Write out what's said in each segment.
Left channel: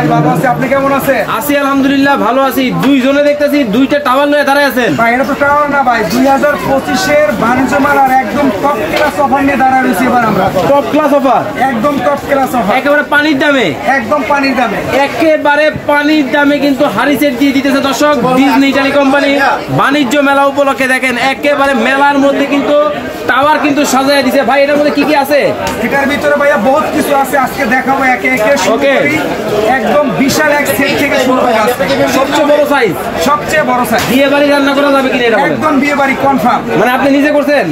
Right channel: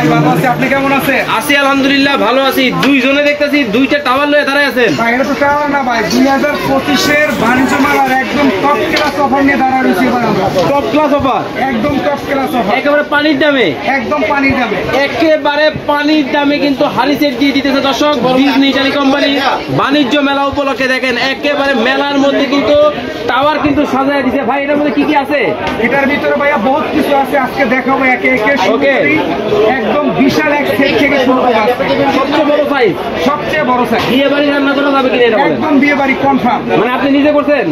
ভাই ভালো আছি, আপনি কেমন আছেন? আছি আলহামদুলিল্লাহ ভালো আছি। দুইজনে দেখতেছি দুইটা টাওয়ার লয়ে দাঁড়ায় আছেন। ভাই এটা তো টাওয়ার না ভাই, 2025-এর বাণিজ্য মেলার একদম টপ ক্লাস অফার নিয়ে দাঁড়ায় রয়েছি এবার আমরা। টপ ক্লাস অফার, একদম টপ ক্লাস অফার, একেবারে পানির দামে, একদম পানির দামে, একেবারে পানির দামে কিন্তু হাড়ি সেট দিয়ে দিতেছে দর্শক ডিজনি ইটালি কোম্পানি বাণিজ্য মেলা উপলক্ষে। দেখেন একেবারে মেলার মধ্যে কিন্তু টাওয়ার কিন্তু সাজায় দিছে। ভাই এটার মধ্যে কি কি আছে? এটার ভিতরে ভাইয়া বহুত কিছু আছে, আজকে দেখাবো একে একে। ওকে, একদম বিশাল এক সেট থেকে শুরু করে আসছে। সবচেয়ে বড় সাইজ, সবচেয়ে বড় সাইজ। বিয়ে বাড়ি রান্না করা যাবে কিনা? একদম বিয়ে বাড়ি কনফার্ম। মানে আপনি নিজে করছেন?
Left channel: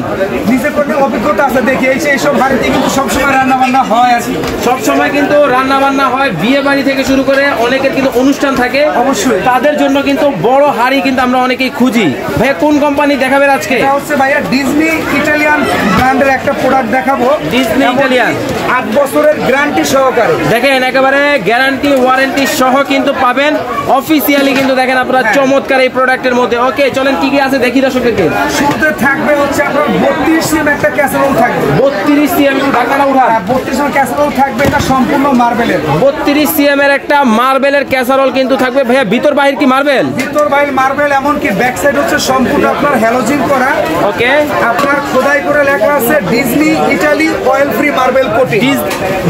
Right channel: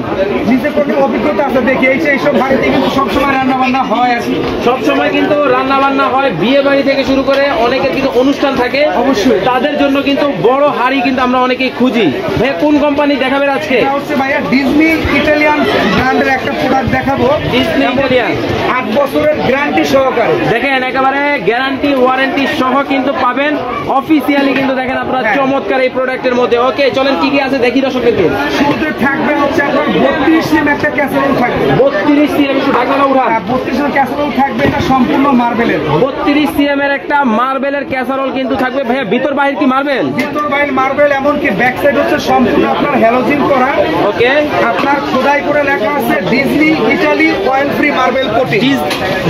নিজে করতে অভিজ্ঞতা আছে, দেখি এইসব বাড়িতে কিন্তু সবসময় রান্না বান্না হয় আর কি। সবসময় কিন্তু রান্না বান্না হয়, বিয়ে বাড়ি থেকে শুরু করে অনেকের কিন্তু অনুষ্ঠান থাকে, অবশ্যই তাদের জন্য কিন্তু বড় হাড়ি কিন্তু আমরা অনেকেই খুঁজি। ভাইয়া কোন কোম্পানি দেখাবেন আজকে? এটা হচ্ছে ভাইয়া ডিজনি ইটালিয়ান ব্র্যান্ডের একটা প্রোডাক্ট দেখাবো। ডিজনি ইটালিয়ান 8 বছরের গ্যারান্টি সহকারে। দেখেন একেবারে গ্যারান্টি ওয়ারেন্টি সহ কিন্তু পাবেন অফিসিয়ালি কিন্তু। দেখেন আপনারা চমৎকার এই প্রোডাক্টের মধ্যে। ওকে চলেন কি কি আছে দেখি দর্শকদেরকে। শুরুতে থাকবে হচ্ছে আপনার 32 সিএম একটা ক্যাসারোল থাকবে। 32 সিএম ঢাকনা উঠা, 32 সিএম ক্যাসারোল থাকবে, এটা সম্পূর্ণ মার্বেলের। 32 সিএম এর একটা মার্বেলের ক্যাসারোল কিন্তু থাকবে। ভাইয়া ভিতর বাহির কি মার্বেল? ভিতর বাইরে মার্বেল, এমনকি ব্যাক সাইড হচ্ছে সম্পূর্ণ আপনার হ্যালোজিন করা। ওকে, আপনার খোদাই করে লেখা আছে Disney Italy oil free marble coating.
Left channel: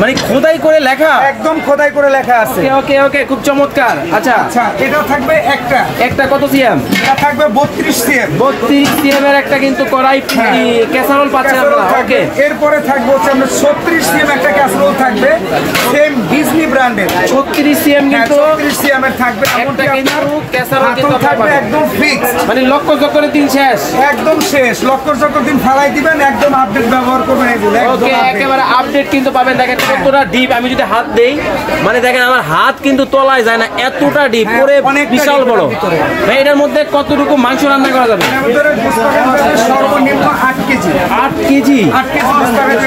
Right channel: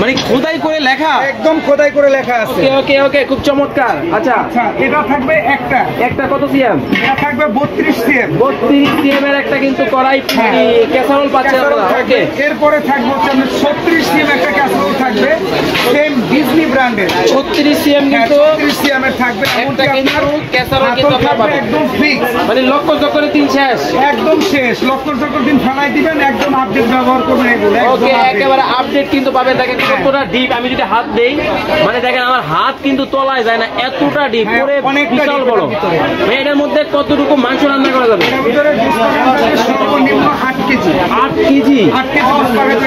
মানে খোদাই করে লেখা, একদম খোদাই করে লেখা আছে। ওকে ওকে খুব চমৎকার। আচ্ছা আচ্ছা, এটা থাকবে একটা কত সিএম? এটা থাকবে 32 সিএম। 32 সিএম এর একটা কিন্তু কড়াই ক্যাসারোল পাচ্ছেন। ওকে, এরপরে থাকবে হচ্ছে আমরা 36 সিএম একটা ক্যাসারোল থাকবে, সেম ডিজনি ব্র্যান্ডের। 36 সিএম কিন্তু 36 সিএম এর থাকবে, এমনকি আপনার ক্যাসারোল হাতল থাকবে একদম ফিক্স। মানে লক্ষ চক্করে দিন শেষ, একদম শেষ। লক্ষ চক্কর দিন ফেলাই দিবেন, একদম আপডেট ব্যবহার করবেন এগুলো। একদম একেবারে আপডেট কিন্তু পাবেন। দেখেন কতটা ডিপ, আমি যদি হাত দেই মানে দেখেন আমার হাত কিন্তু তলায় যায় না, এতটা ডিপ, পুরো বিশাল বড়। ভাই এটার মধ্যে কতটুকু মাংস রান্না করা যাবে? এর ভিতরে সর্বনিম্ন 8 কেজি। 8 কেজি? 8 কেজি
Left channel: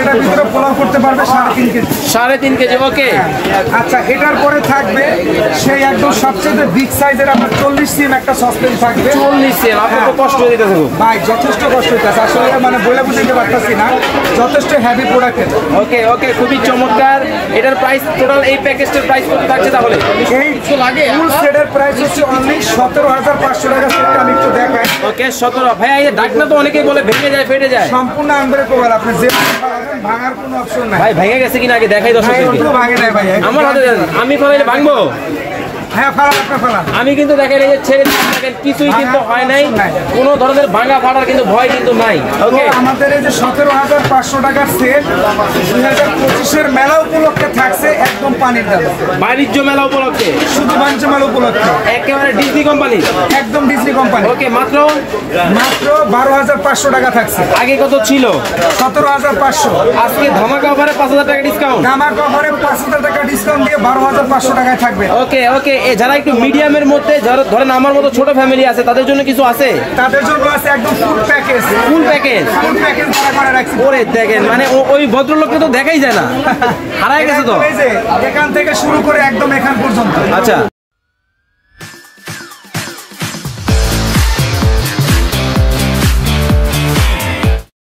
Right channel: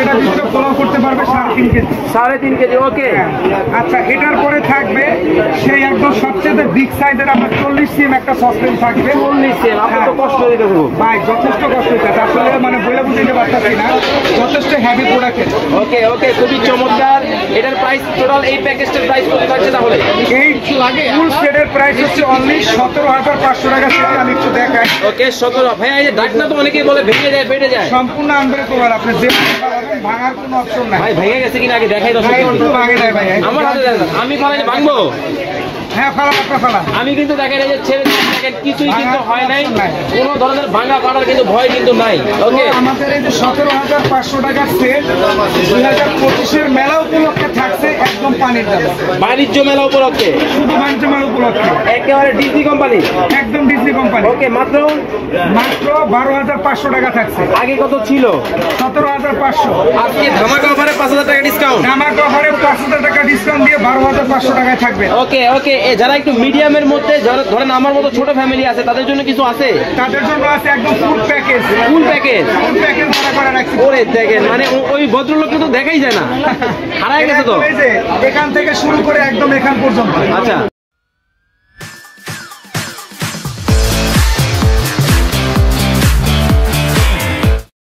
এটার ভিতরে পোলাও করতে পারবে 3.5 কেজি। 3.5 কেজি। ওকে আচ্ছা, এটার পরে থাকবে সেই একদম সবচেয়ে বিগ সাইজের আপনার 40 সিএম একটা সসপ্যান থাকবে। 40 সিএম? আপনার তো কষ্ট হইতেছে ভাই, যথেষ্ট কষ্ট হইতেছে আসলে, মানে বলে বুঝতে পারতেছি না, যথেষ্ট হেভি প্রোডাক্ট। ওকে ওকে খুবই চমৎকার। এটার প্রাইস টোটাল এই প্যাকেজটার প্রাইস কত থাকছে তাহলে? এই ফুল সেটের প্রাইস হচ্ছে অনলি 17,500 টাকা। সেটা আমি একটু দেখাই। ওকে 17। ভাই এই ঢাকনা তো অনেকেই বলে ভেঙে যায়, ফেটে যায়। সম্পূর্ণ আনব্রেকেবল, আপনি যে ভাঙার কোনো অপশন নাই। ভাই ভেঙে গেছে কিনা আগে দেখাই দর্শক। ভাঙে নাই ভাই, আমার হাতে আমি ফালাইলে ভাঙবো? হ্যাঁ, ফালা। আমি কিন্তু দেখেন এই যে ছেড়ে দেখেন কিছুই কিন্তু হয় নাই, কোনো ধরনের ভাঙা ফাটার কিন্তু ভয় কিন্তু নাই। ওকে, আমাদের এই যে 17,500 টাকার সেট 2025-এর মেলা উপলক্ষে থাকছে একদম পানির দাম। বাণিজ্য মেলা উপলক্ষে, শুধু বাণিজ্য মেলা উপলক্ষে, একেবারে ডিজনি কোম্পানি, একদম ডিজনি কোম্পানি। ওকে মাত্র 12,500 টাকা থাকছে। আগে কত ছিল? 17,500। আজকে ধামাকা অফারে 5,000 টাকা ডিসকাউন্ট। ধামাকা অফারে 5,000 টাকা ডিসকাউন্ট দিয়ে 12,500 টাকায় থাকবে। ওকে ওকে, যারা একটু মিডিয়ামের মধ্যে, যারা ধরেন আমার মতো ছোট ফ্যামিলি আছে, তাদের জন্য কিছু আছে? তাদের জন্য আছে একদম ফুল প্যাকেজ। ভাড়া করে রাখছি। ওরে দেখেন, মানে ওই ভদ্রলোককে তো দেখাই যায় না, হারাই গেছে তো। এখান থেকে শুরু করে একদম এখান পর্যন্ত। আচ্ছা,